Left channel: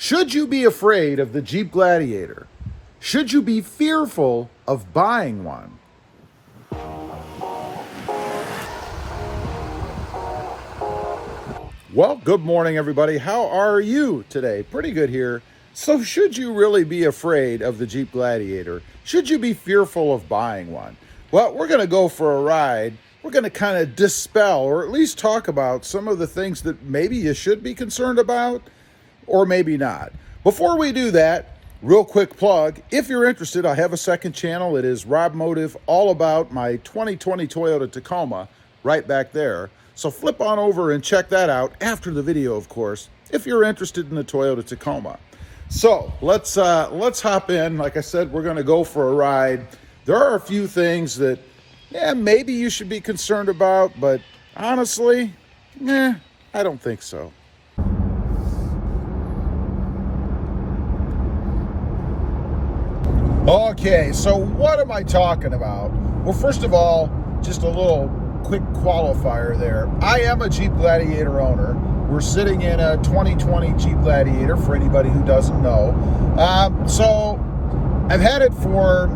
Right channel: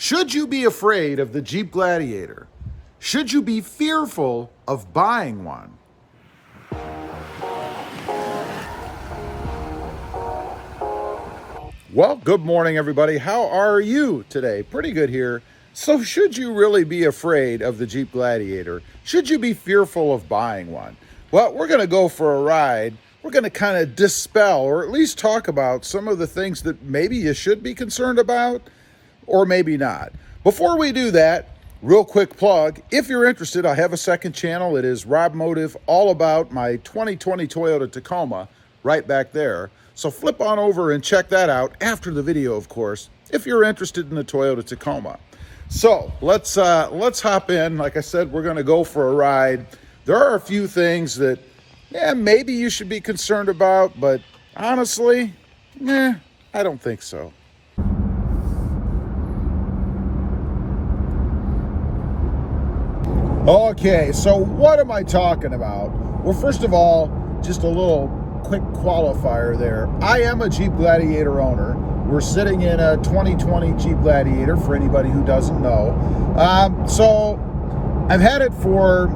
Should you be afraid of the Jeep Gladiator? Should you be fearful of buying one? Well, good morning, everybody. How are you today? Pretty good here. So should you really be afraid of the Jeep Gladiator? Should you be fearful of buying one? Well, we're going to go for a ride. We're going to kind of dispel, or at least talk about some of the things that maybe you should be concerned about, or maybe not. Before we do that, real quick plug, if you're interested, I have a second channel. It is Rob Motive, all about my 2020 Toyota Tacoma, right back there. So flip on over and check that out after the video, of course, if you're interested in the Toyota Tacoma. So let's hop in. Like I said, we're going to go for a ride. There are a few things that, maybe you should be concerned about, but honestly, I don't think so. Okay, so what am I talking about? Well, first of all, just a little quick qualifier there. I am a Jeep Gladiator owner. We're sitting in a 2020 Jeep Gladiator, for anybody who doesn't know. So I've had it for,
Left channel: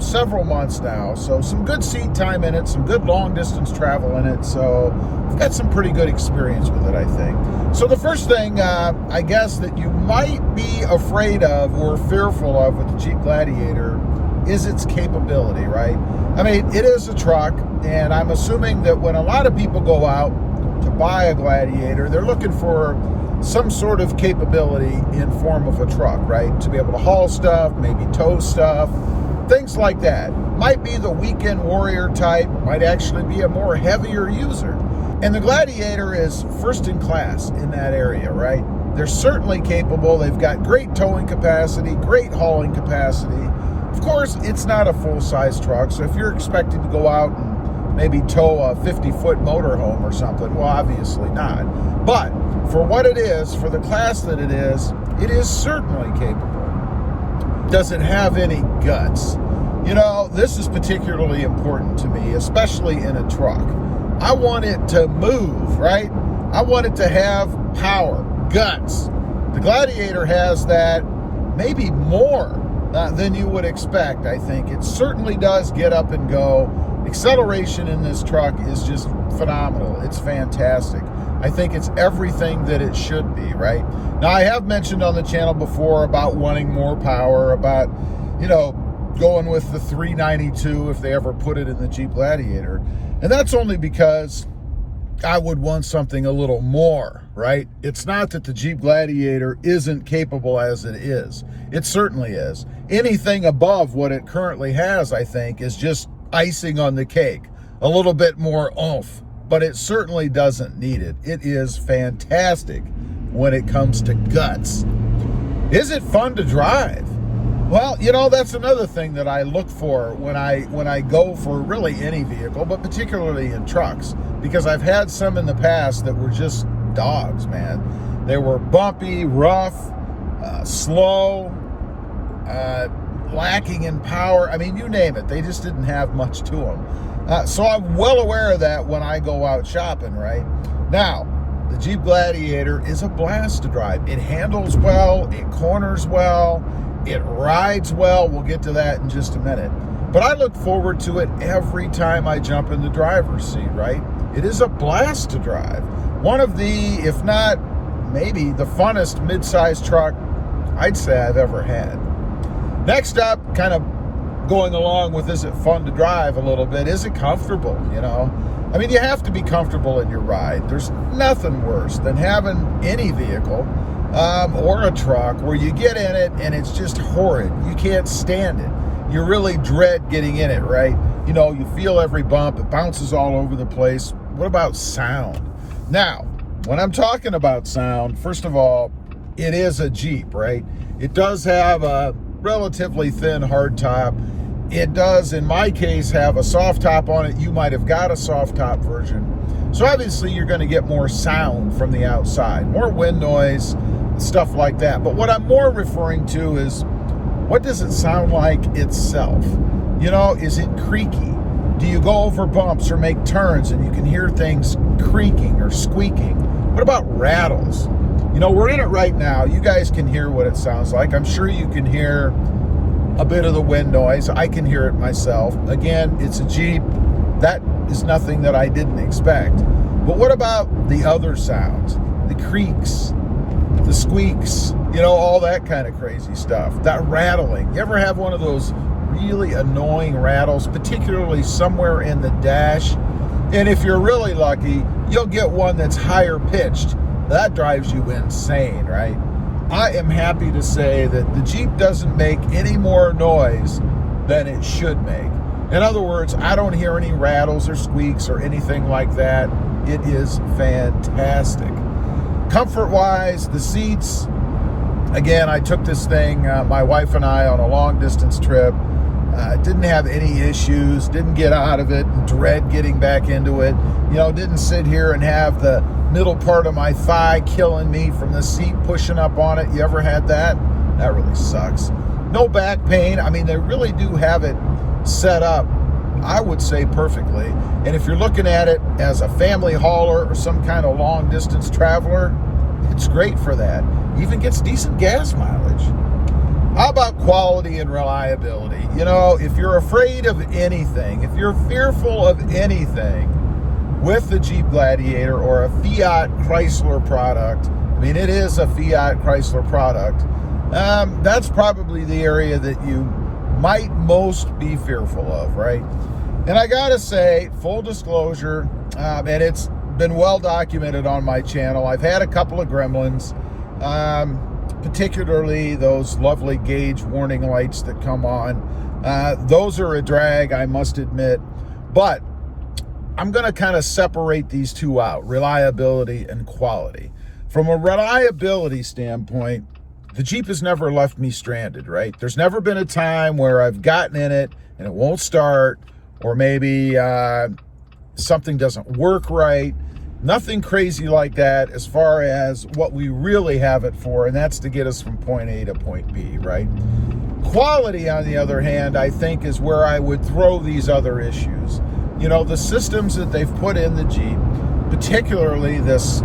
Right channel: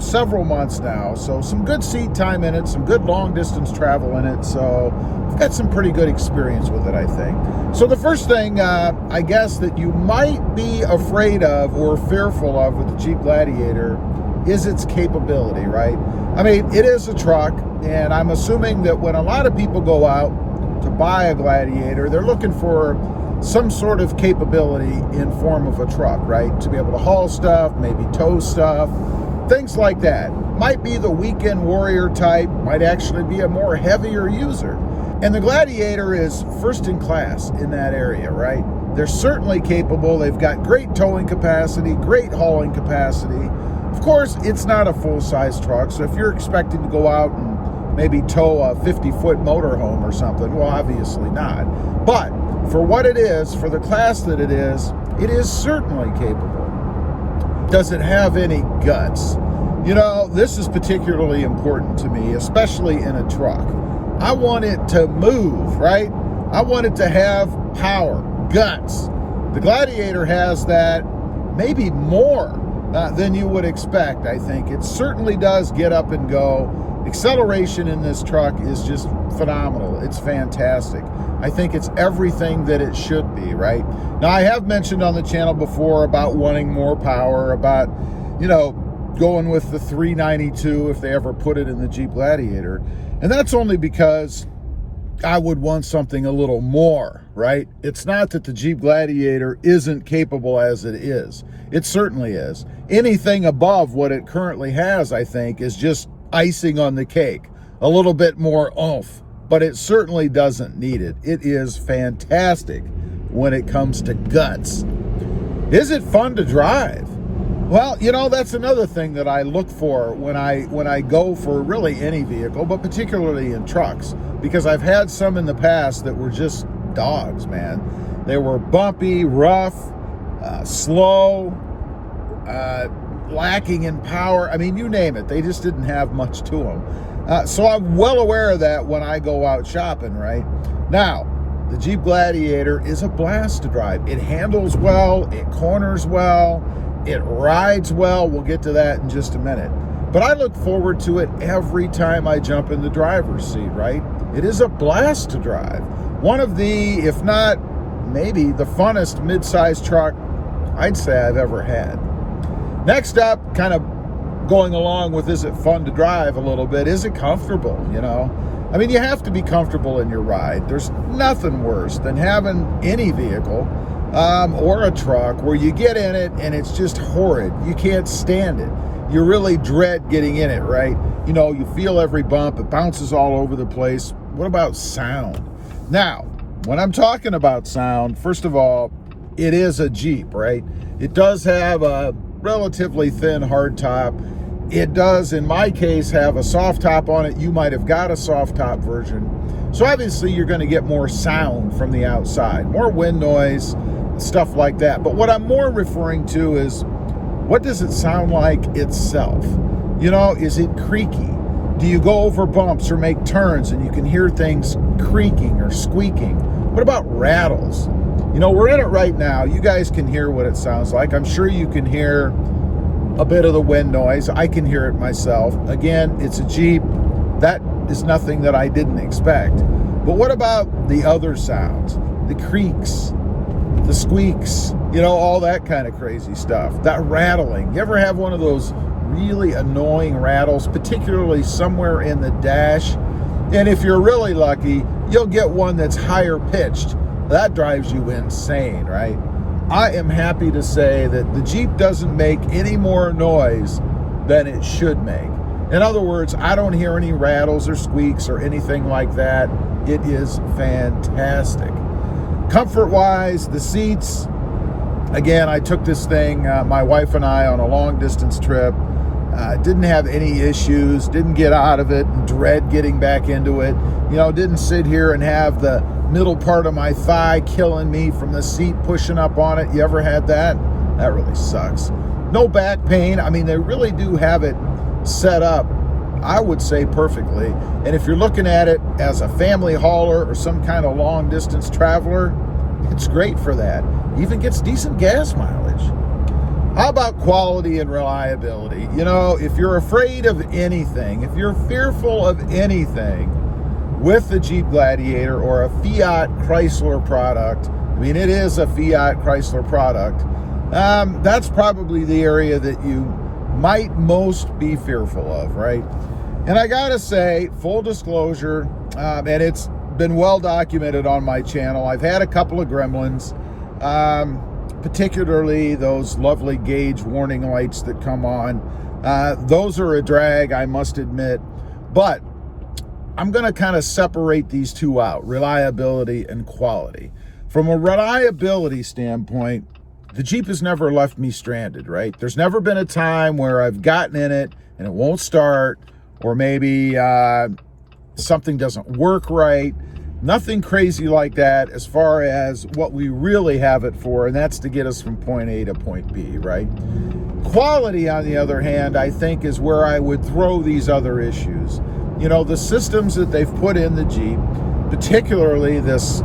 several months now. So some good seat time in it, some good long distance travel in it. So I've got some pretty good experience with it, I think. So the first thing, I guess, that you might be afraid of or fearful of with the Jeep Gladiator is its capability, right? I mean, it is a truck, and I'm assuming that when a lot of people go out to buy a Gladiator, they're looking for some sort of capability in form of a truck, right? To be able to haul stuff, maybe tow stuff, things like that. Might be the weekend warrior type, might actually be a more heavier user. And the Gladiator is first in class in that area, right? They're certainly capable. They've got great towing capacity, great hauling capacity. Of course, it's not a full-size truck, so if you're expecting to go out and maybe tow a 50-foot motorhome or something, well, obviously not. But for what it is, for the class that it is certainly capable. Does it have any guts? You know, this is particularly important to me, especially in a truck. I want it to move, right? I want it to have power, guts. The Gladiator has that, maybe more than you would expect, I think. It certainly does get up and go. Acceleration in this truck is just phenomenal. It's fantastic. I think it's everything that it should be, right? Now, I have mentioned on the channel before about wanting more power, about, going with the 392 if they ever put it in the Jeep Gladiator. And that's only because I would want something a little more, right? It's not that the Jeep Gladiator isn't capable as it is. It certainly is. Anything above what it currently has, I think, is just icing on the cake. A little bit more oomph, but it certainly doesn't need it. It is fantastic when it comes to guts. Is it fun to drive? Well, that's another thing that I look for when I go for really any vehicle, but particularly in trucks, because I've had some in the past that were just dogs, man. They were bumpy, rough, slow, lacking in power. I mean, you name it. They just didn't have much to them. So I'm well aware of that when I go out shopping, right? Now, the Jeep Gladiator is a blast to drive. It handles well, it corners well, it rides well. We'll get to that in just a minute. But I look forward to it every time I jump in the driver's seat, right? It is a blast to drive. One of the, if not maybe the funnest mid-size truck I'd say I've ever had. Next up, kind of going along with, is it fun to drive a little bit? Is it comfortable, I mean, you have to be comfortable in your ride. There's nothing worse than having any vehicle or a truck where you get in it and it's just horrid. You can't stand it. You really dread getting in it, right? You feel every bump. It bounces all over the place. What about sound? Now, when I'm talking about sound, first of all, it is a Jeep, right? It does have a relatively thin hardtop. It does, in my case, have a soft top on it. You might have got a soft top version. So obviously you're going to get more sound from the outside, more wind noise, stuff like that. But what I'm more referring to is, what does it sound like itself? Is it creaky? Do you go over bumps or make turns and you can hear things creaking or squeaking? What about rattles? You know, we're in it right now. You guys can hear what it sounds like. I'm sure you can hear a bit of the wind noise. I can hear it myself. Again, it's a Jeep. That is nothing that I didn't expect. But what about the other sounds? The creaks, the squeaks, you know, all that kind of crazy stuff. That rattling. You ever have one of those really annoying rattles, particularly somewhere in the dash? And if you're really lucky, you'll get one that's higher pitched. That drives you insane, right? I am happy to say that the Jeep doesn't make any more noise than it should make. In other words, I don't hear any rattles or squeaks or anything like that. It is fantastic. Comfort-wise, the seats, again, I took this thing, my wife and I, on a long-distance trip. Didn't have any issues, didn't get out of it and dread getting back into it. You know, didn't sit here and have the middle part of my thigh killing me from the seat pushing up on it. You ever had that? That really sucks. No back pain. I mean, they really do have it set up, I would say, perfectly. And if you're looking at it as a family hauler or some kind of long distance traveler, it's great for that. Even gets decent gas mileage. How about quality and reliability? You know, if you're afraid of anything, if you're fearful of anything with the Jeep Gladiator or a Fiat Chrysler product, I mean, it is a Fiat Chrysler product, that's probably the area that you might most be fearful of, right? And I gotta say, full disclosure, and it's been well documented on my channel, I've had a couple of gremlins, particularly those lovely gauge warning lights that come on. Those are a drag, I must admit, but I'm going to kind of separate these two out, reliability and quality. From a reliability standpoint, the Jeep has never left me stranded, right? There's never been a time where I've gotten in it and it won't start, or maybe something doesn't work right. Nothing crazy like that as far as what we really have it for, and that's to get us from point A to point B, right? Quality, on the other hand, I think is where I would throw these other issues. You know, the systems that they've put in the Jeep, particularly this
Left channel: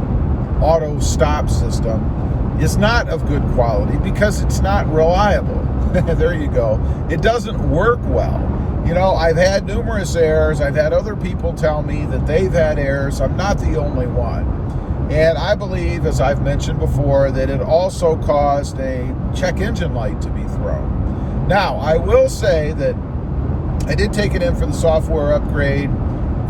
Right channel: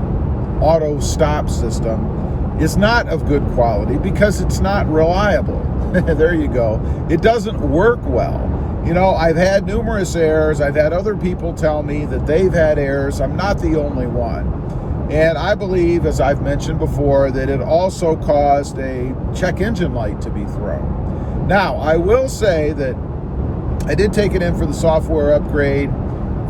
auto stop system, is not of good quality because it's not reliable. There you go. It doesn't work well. You know, I've had numerous errors. I've had other people tell me that they've had errors. I'm not the only one. And I believe, as I've mentioned before, that it also caused a check engine light to be thrown. Now, I will say that I did take it in for the software upgrade.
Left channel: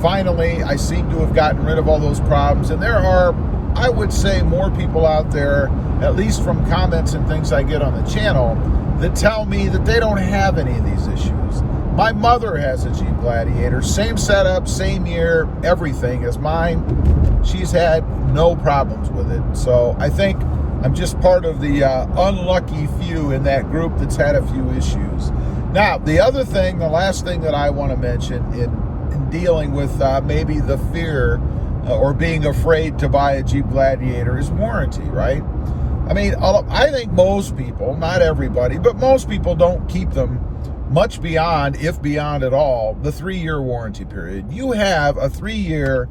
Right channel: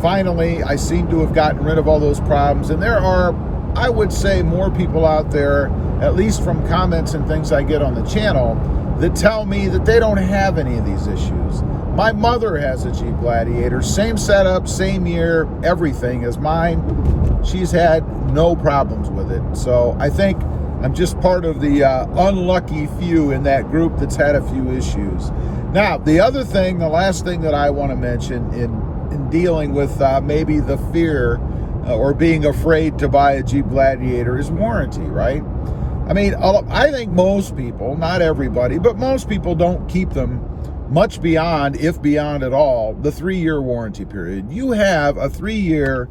Finally, I seem to have gotten rid of all those problems. And there are, I would say, more people out there, at least from comments and things I get on the channel, that tell me that they don't have any of these issues. My mother has a Jeep Gladiator, same setup, same year, everything as mine. She's had no problems with it. So I think I'm just part of the unlucky few in that group that's had a few issues. Now, the other thing, the last thing that I want to mention in dealing with maybe the fear or being afraid to buy a Jeep Gladiator is warranty, right? I mean, I think most people, not everybody, but most people don't keep them much beyond, if beyond at all, the 3-year warranty period. You have a 3-year,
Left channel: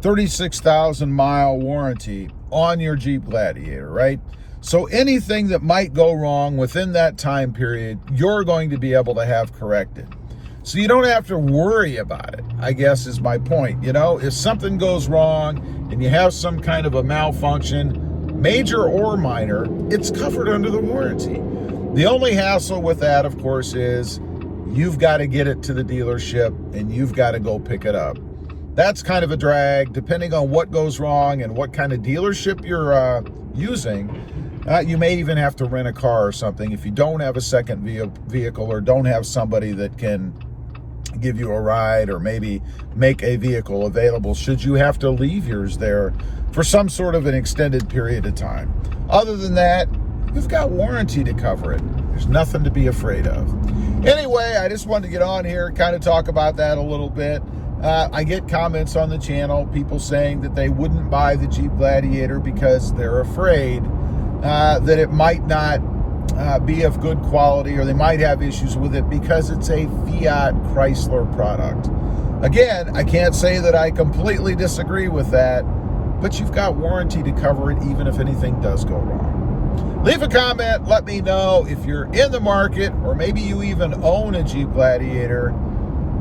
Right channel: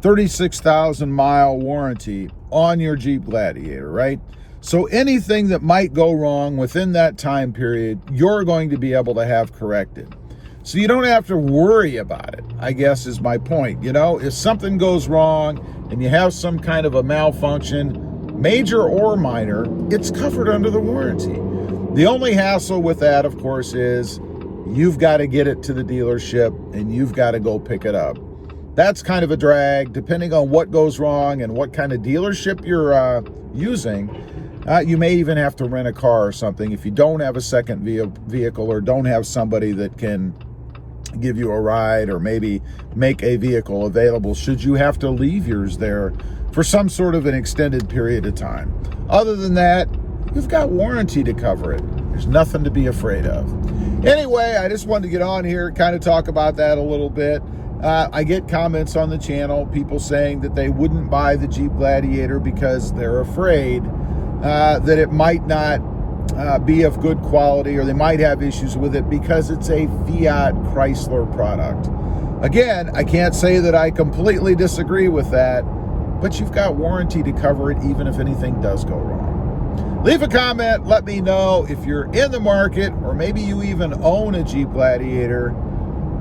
36,000 mile warranty on your Jeep Gladiator, right? So anything that might go wrong within that time period, you're going to be able to have corrected. So you don't have to worry about it, I guess is my point. You know, if something goes wrong and you have some kind of a malfunction, major or minor, it's covered under the warranty. The only hassle with that, of course, is you've got to get it to the dealership and you've got to go pick it up. That's kind of a drag, depending on what goes wrong and what kind of dealership you're using. You may even have to rent a car or something if you don't have a second vehicle or don't have somebody that can give you a ride or maybe make a vehicle available should you have to leave yours there for some sort of an extended period of time. Other than that, you've got warranty to cover it. There's nothing to be afraid of. Anyway, I just wanted to get on here, kind of talk about that a little bit. I get comments on the channel, people saying that they wouldn't buy the Jeep Gladiator because they're afraid that it might not be of good quality or they might have issues with it because it's a Fiat Chrysler product. Again, I can't say that I completely disagree with that, but you've got warranty to cover it even if anything does go wrong. Leave a comment, let me know if you're in the market or maybe you even own a Jeep Gladiator.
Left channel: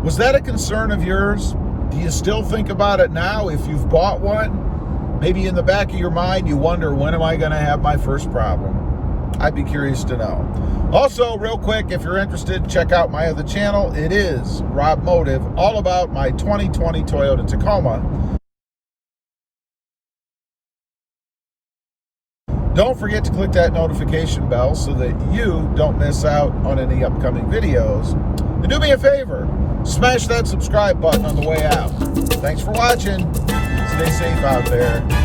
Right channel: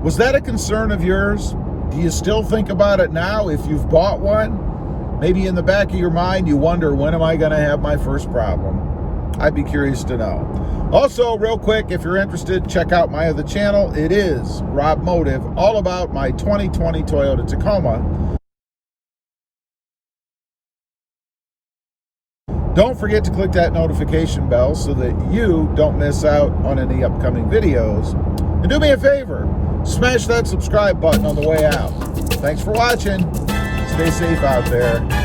Was that a concern of yours? Do you still think about it now if you've bought one? Maybe in the back of your mind you wonder, when am I going to have my first problem? I'd be curious to know. Also, real quick, if you're interested, check out my other channel. It is Rob Motive, all about my 2020 Toyota Tacoma. Don't forget to click that notification bell so that you don't miss out on any upcoming videos. And do me a favor, smash that subscribe button on the way out. Thanks for watching. Stay safe out there.